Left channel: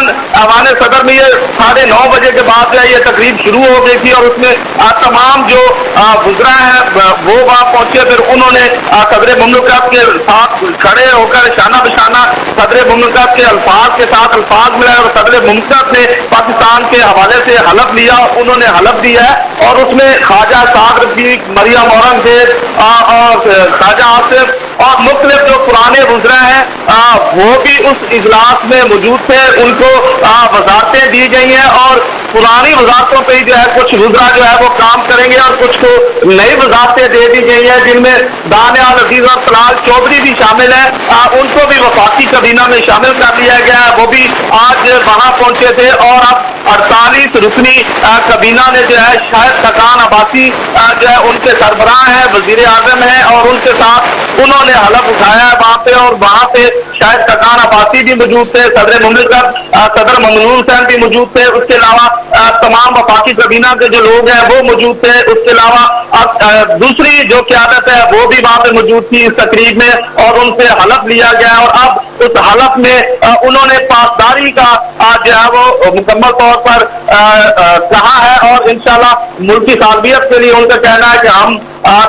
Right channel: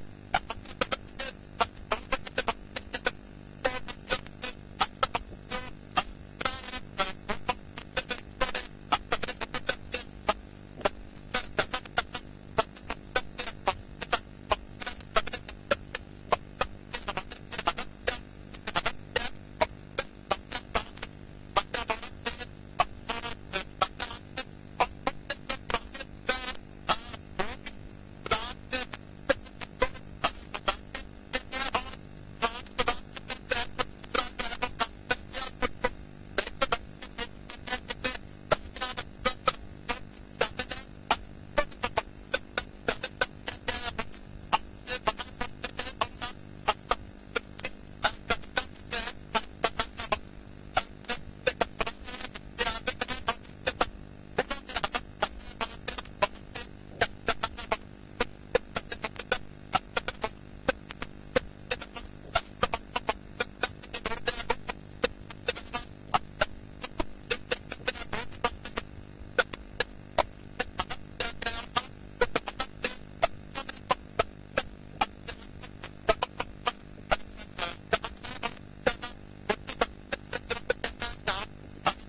तकरीबन ऐवान सदर में ये 9:30 बजे के बाद जो है ये तकरीब शुरू हो गई थी और उसमें तमाम जो वुज़रा हैं वो वहाँ पहुंचे। फिर उन्होंने सदर मुमलिकत के साथ खड़े होकर शाना बशाना सदर मुमलिकत के अल्फाज के साथ अल्फाज मिलाए और सदर मुमलिकत ने पाकिस्तान के हवाले से हलफ लिया। उन्होंने हलफ दिया है और उसमें ख्वाजा साद रफीक, मरियम औरंगजेब और ख्वाजा आसिफ और मुख्तलिफ जो पुराने वुज़रा हैं वो भी उस इजलास में मौजूद थे। उनको वजारतें दी गई हैं और पुरानी वजारतों पे ही जो है कुछ वुज़रा जो है वो काम करेंगे और कुछ को नई वजारतें दे दी गई हैं, जिनमें दानियाल अजीज और तलाल चौधरी भी शामिल हैं। उनको भी वफाकी काबीना में शामिल कर लिया गया है, वो भी आज वहां पहुंचे थे। और अब 48 रुकनी काबीना ने जो है शाहिद खकान अब्बासी जो है उनके सरबराह हैं, वजीर आजम हैं और उनके साथ उन्होंने हलफ उठाया है वहां पे। और वहां पे शाहिद खकान अब्बासी भी मौजूद थे, सदर मुमलिकत सदर ममनून हुसैन भी मौजूद थे, उसके अलावा तमाम वफाकी काबीना के जो लोग हैं वो मौजूद थे। उसके अलावा दूसरी जो क़यादत है वो भी वहां पे मौजूद थी इस तकरीब में और उनसे हलफ लिया गया। और अब उस हलफ में उन्होंने पासदारी का जो है वो मुकम्मल तौर पर कहा है और इंशाल्लाह मुल्की सालबियत के लिए उनका कहना है कि हम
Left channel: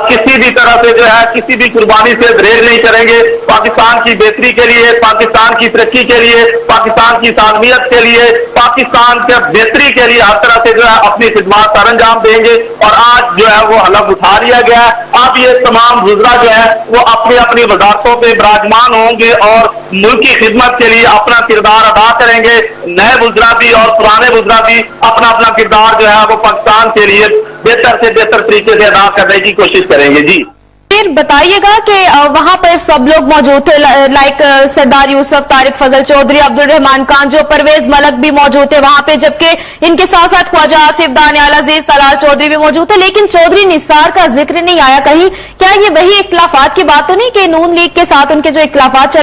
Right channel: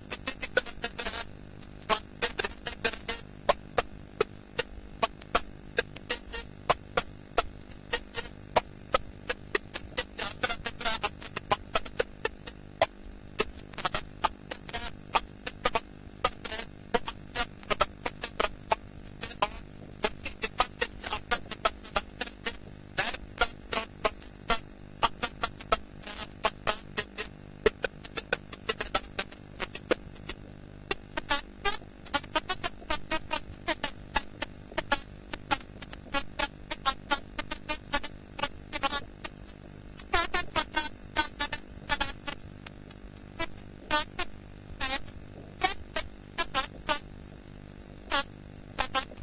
किसी भी तरह से जो है किसी भी कुर्बानी से दरेज नहीं करेंगे। पाकिस्तान की बेहतरी के लिए, पाकिस्तान की तरक्की के लिए, पाकिस्तान की सालमियत के लिए, पाकिस्तान के बेहतरी के लिए हर तरह से जो है अपनी खिदमत सर अंजाम देंगे। और आज जो है वो हलफ उठा लिया गया है। अब ये तमाम वुज़रा जो है वो अपनी अपनी वजारतों पे विराजमान होंगे और मुल्क की खिदमत के लिए अपना किरदार अदा करेंगे। नए वुज़रा भी और पुराने वुज़रा भी अपना अपना किरदार जो है वो पाकिस्तान के लिए बेहतर से बेहतर तरीके से अदा करने की कोशिश करेंगे। जी फिर बताइएगा कि वहां पर सब लोग मौजूद थे, लाइक सरदार यूसुफ, तारिक फजल चौधरी, अब्दुल रहमान खान, जो परवेज मलक भी मौजूद थे वहां पे, जबकि इनके साथ साथ ख्वाजा आसिफ, दानियाल अजीज, तलाल चौधरी भी मौजूद थे। लेकिन चौधरी निसार का जिक्र नहीं आया कहीं। क्या ये वही इख्तिलाफात की बात तो नहीं कि नून लीग के साथ उनके जो इख्तिलाफात